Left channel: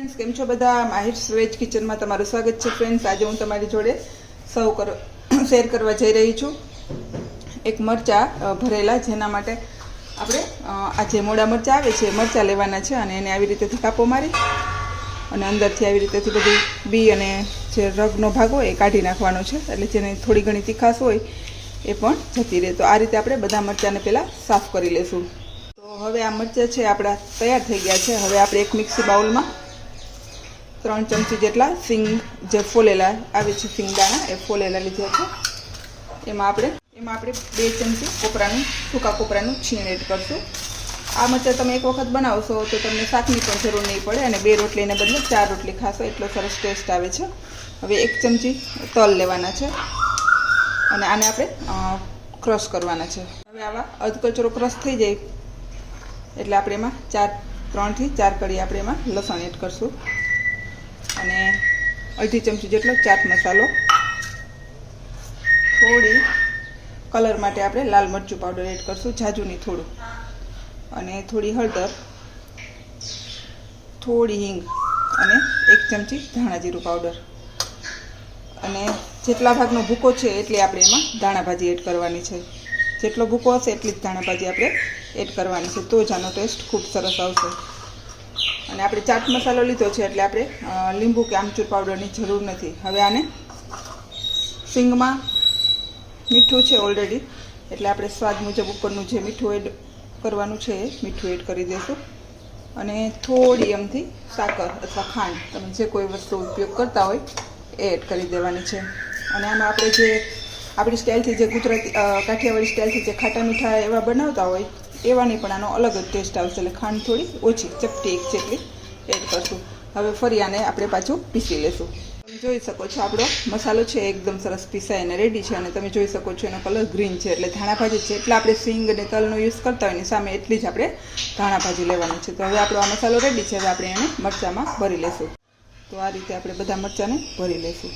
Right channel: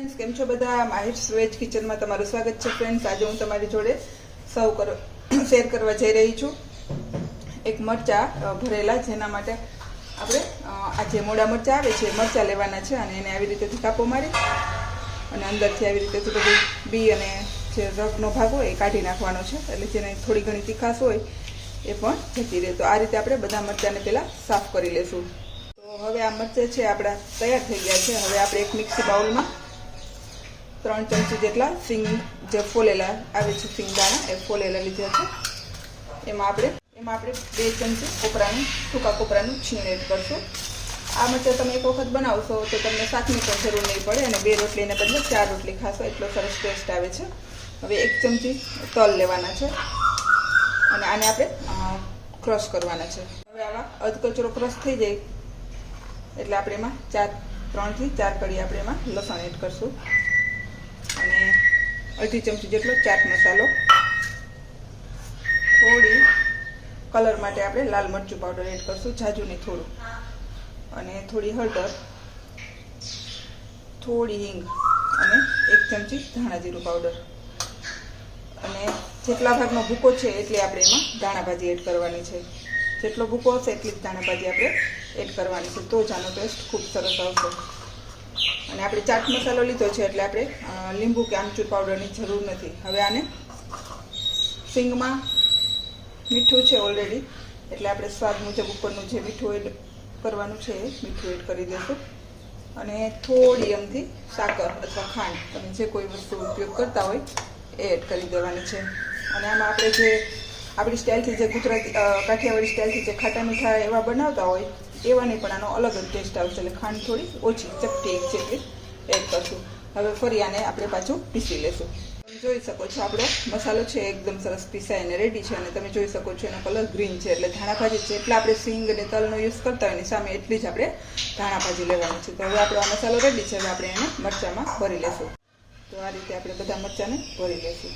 Friends came छो बधा माहिर्स veg kitchen में तमारुं स्वागत है। फ्रेंड्स आज हूँ तमारी जोड़े शेर करवा जई रही छूं एक मरचा भरेला, जेना माटे आपणे आ जे मोड़ा मरचा आवे छे मरचा लेवाना छे अने एने आवी रीतेथी कापो मारी अने अंदरथी आवी रीतेथी बधी बी अने जे रगनो भाग होय ए काढी नाखवानो छे, एटले जेने थोड़ी घणी तीखास होय ए पण जती रहे। तो आ रीते आपणे बधा मरचाने पहेला साफ करी लेशुं। तो हवे आ मरचा छे आपड़ा तैयार थई गया छे। हवे आपणे एक मिक्सी बाउल में 3 चमची जेटला सींग जे फोलेला आवे छे सींगदाणा ए फोलेला लीधा छे। एमां आपणे 2 चमची कोपरानुं सूका कोपरानुं छीण एड करशुं। आ मरचा तमे एक वखत बनावशो तो तमने शाकनी पण जरूर नहीं पड़े अने 2 रोटलीने बदले 4 रोटली खाशो एटलो सरस टेस्ट आवे छे। हवे 1 चमची तल लेवाना छे अने आने आपणे क्रश करवाना छे। हवे आवा अधकचरो क्रश थई जाय एटले आपणे एमां 3 થી 4 कड़ी आपणे एमां लसण एड करशुं अने 1/2 चमची जेटलो चाट मसालो, थोड़ी कलर माटे आपणे लाल मरचुं पाउडर एड करशुं, जाजू नहीं थोड़ुं, अने थोड़ी हळदर, थोड़ी हींग अने 1 चमची धाणा जीरुं पाउडर अने जेटला भागनो भूको छे एटली आपणे एमां धाणा भाजी एड करवानी छे। जेटलो भूको हशे एटली ज धाणा भाजी आपणे एड करवानी छे, तो ज आनो टेस्ट खूब सरस आवशे। अने आपणे चाट मसालो लीधो छे एटले आपणे લીંબુ के आमचूर पाउडरनी जरूर नथी। हवे आने सींगमां मीठું છે ऑलरेडी एटले आपणे स्वाद मुजब उपरनुं जे मीठું एड करवानुं छे ए मीठું एड करी देशुं अने थोड़ी अमथी साकर अथवा खांड तमे जे कोई वस्तु उपयोग करता होय ए एड करी देवानी छे। अने आमां आपणे जे आपणी स्टाइलथी जे गुजराती काठियावाड़ी स्टाइलथी जे खाटा मीठा एवा बनावता होय एवानी पण आनो अलग ज टेस्ट आवशे। એટલે ખાંડ થોડી ઓછી ચપટી 1 જેટલી એડ કરશું। હવે ફરી આને આપણે પાછું પીસી લેશું। જોઈ શકો છો આપણો મસાલો છે એકદમ સરસ પીસાઈને રેડી છે અને તમે જોઈ શકો છો એનો કલર ગ્રીન છે, એટલે ધાણા ભાજી છે એટલે આપણે સિંગ અને તલનો યુઝ કરતા હોય એની સામે એટલી જ આપણે ધાણા ભાજી લેવાની છે। તો હવે આપણો આ મસાલો રેડી છે, હવે આપણે એને મરચામાં ભરી લેશું। તો આ રીતે આપણે બધા મરચાને ભરી લેશું।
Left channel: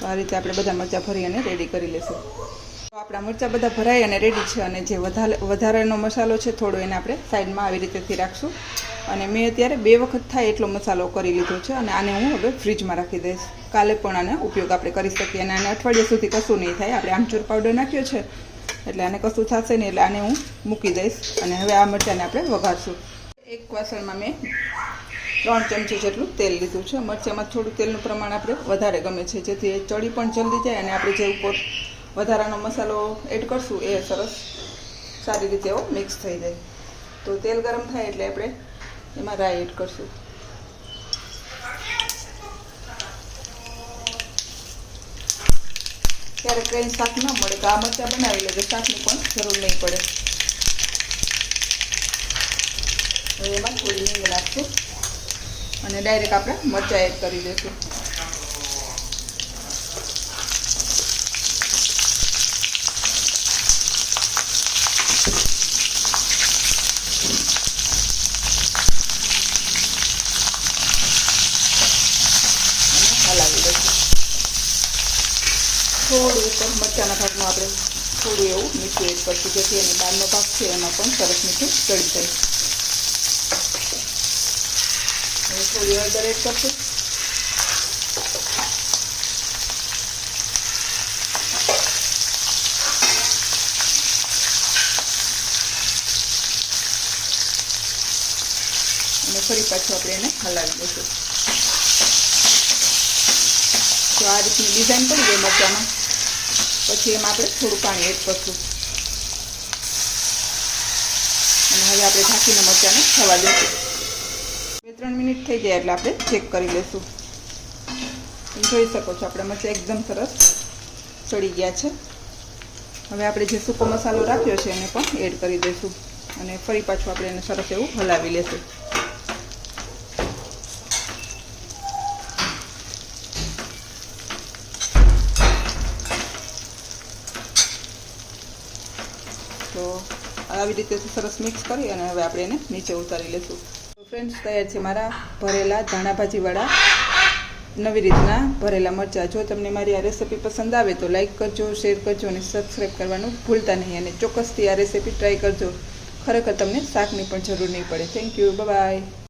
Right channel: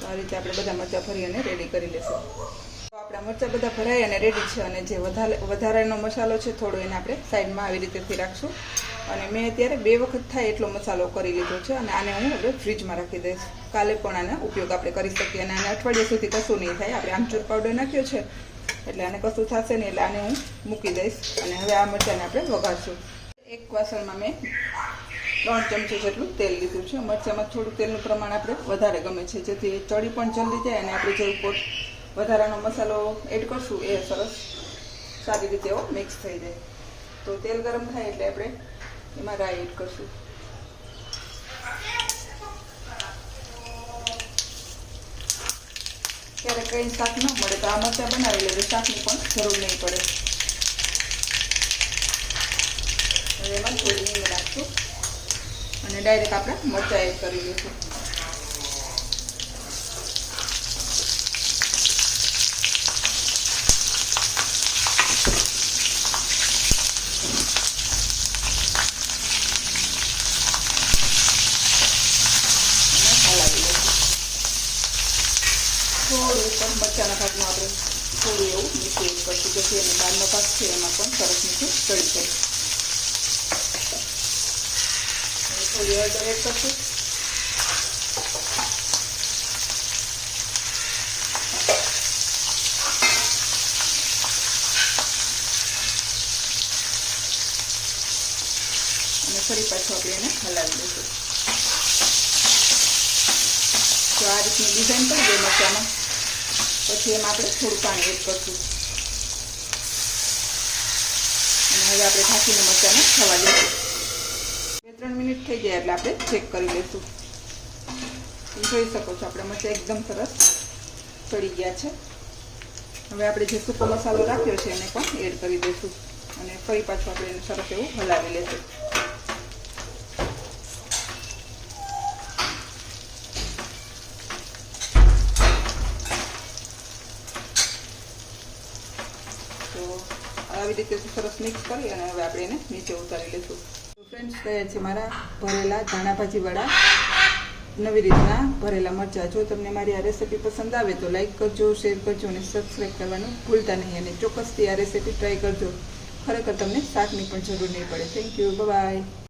आ रीते आपणे बधा मरचा भरी अने रेडी करी लेशुं। तो आपणा मरचा बधा भराई अने रेडी छे अने जे वधारेनो मसालो छे थोड़ो एने आपणे साइडमां आवी रीतेथी राखशुं अने मैं अत्यारे 2 वखत थाय एटलो मसालो करी लीधो छे अने आने हूँ हवे फ्रीजमां राखी दईश। काले पण आने उपयोग आपणे करी सकीए अने आने अठवाडिया सुधी कशुं नहीं थाय। आपणे आमचूर पाउडर नाख्यो छे एटले आने कशुं थशे नहीं, एटले आने हूँ मूकी दईश अने हवे आ मरचाने आपणे वघारशुं। एक वासणमां मैं 3 चमची जेटલું तेल લીધું છે। મરચામાં થોડું તેલનું પ્રમાણ આપણે વધારે ગમે છે જેથી ચડી પણ જલ્દી જાય અને આપણે જે ઉપર વધારાનો મસાલો એડ કરશું એ સરસ સારી રીતે એવો મિક્સ થઈ જાય। તો તેલ ગરમ થાય એટલે આપણે એમાં રાઈ એડ કરશું। ત્યારે કંઈ શાક ન મળે તો આ મરચાં બનાવી લેજો, શાકની પણ જરૂર નહીં પડે। હવે એમાં થોડી હિંગ નાખશું અને ડાયરેક્ટ આપણે મરચાં એડ કરી દઈશું। હલાવી દઈશું। થોડું ઉપર મરચાંના ભાગમાં આપણે થોડું એવું મીઠું એડ કરશું જેથી એની બહારનો ભાગ છે એમાં પણ સરસ મીઠું ચડી જાય। थोड़ी हळदर एड करशुं અને ફરી પાછું આપણે એને હલાવી દઈશું। તો આ રીતની ડિઝાઇન પડી ગઈ મરચામાં, પછી એમાં આપણે થોડું પાણી એડ કરશું અને હવે આપણે ઢાંકીને મરચાને થવા દઈશું। 3 મિનિટ થઈ જાય એટલે આપણે ચેક કરી લઈશું। તમે જોઈ શકો છો આપણે મરચાં એકદમ સરસ ચડી ગયા છે। હવે આપણે જે સૂકો મસાલો રાખ્યો છે એને પણ એડ કરી દઈશું અને ફરી પાછું આપણે એને સરસ એવું હલાવી લેશું। તો આવી રીતે સરસ મિક્સ કરી અને હવે આપણે એને નીચે ઉતારી લેશું। फ्रेंड्स तैयार है मारा भरेला धाणा भाजी वाला નવી રીતના ભરેલા મરચાં. જો તમને મારી આ રેસીપી પસંદ આવે તો લાઈક કરજો, શેર કરજો અને સબસ્ક્રાઈબ કરવાનું ભૂલતા નહીં. અને ચોક્કસથી આ રેસીપી ટ્રાય કરજો. ખરેખર તમને શાકની પણ જરૂર નહીં પડે. Thank you. બાય.